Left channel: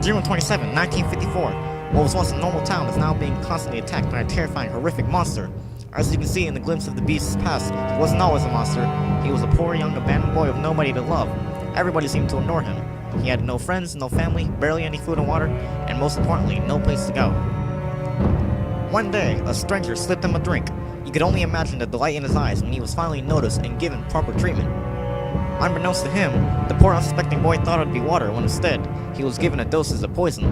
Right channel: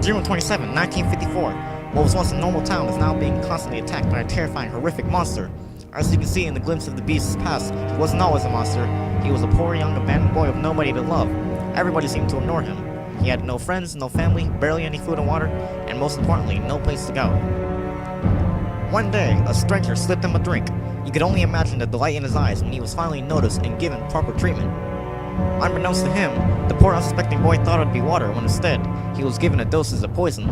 June 27, 1954. What was once a normal town is now being constantly attacked by a terrifying, horrific monster. As you can see in the glimpse of the beast's past, he wasn't always a monster. He was a poor, young, abandoned boy with nobody to love. Everybody seemed to ignore him. He had no friends, no family, barely any food and water, and most importantly, no place to go. One day, a stranger slipped him a drink. You could only imagine the delight in his eyes when he was finally noticed and given proper treatment. Unbeknownst to him, the poor unsuspecting boy thought it would be water when instead, he was given a dosage of poison.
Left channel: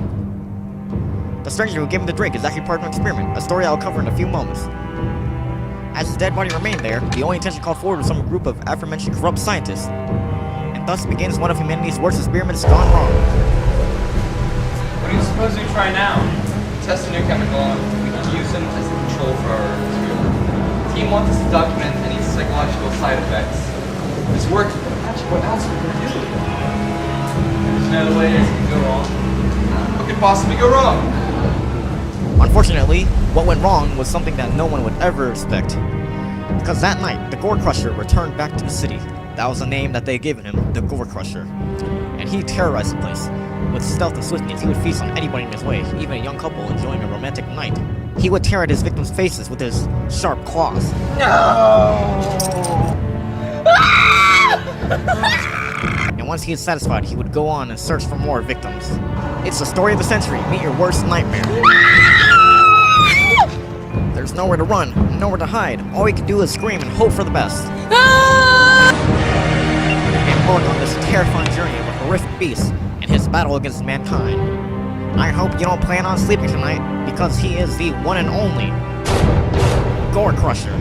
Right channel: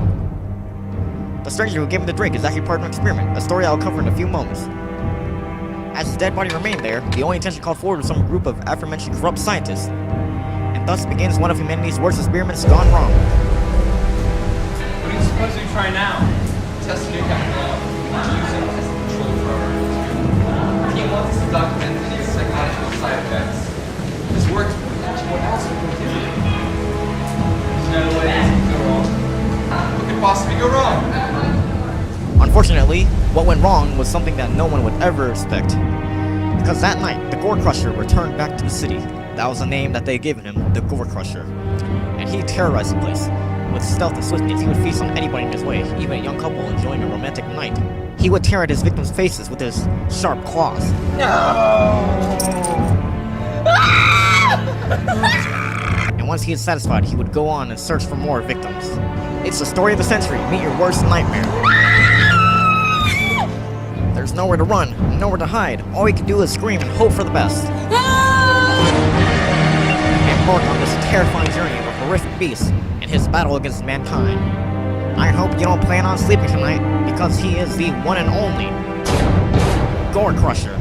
The stranger who gave him the drink is actually part of an experiment, a story I'll cover in a few moments. As his dead body remained there, the only attention called forward was from a group of aforementioned corrupt scientists. And thus begins one of humanity's worst experiments gone wrong. What do you suppose we try now? Test a new chemical. We can use them as the control for our experiment. The team wants us to document any psychological side effects. If this works, imagine what else we can do. There's no way this could go wrong. What could possibly go wrong? Unfortunately, what went wrong was something that no one would ever expect. Because that night, the Gore Crusher returned back to the city. That was the name that they had given him, the Gore Crusher. And he terrorized the place. With stealth and swiftness, he would feast on anybody in his way, even a young couple enjoying a romantic night. He would tear at his victims' faces with his sharp claws. And once he is satisfied, he would go on and search for more victims. It's the story of the century. Meet your worst nightmare. There's nowhere to run, nowhere to hide. All we can do is scream and hope for the best. Embark on this terrifying journey of a horrific beast and his battle against mankind. I hope you don't plan on sleeping tonight, because he is the one and only Gore Crusher.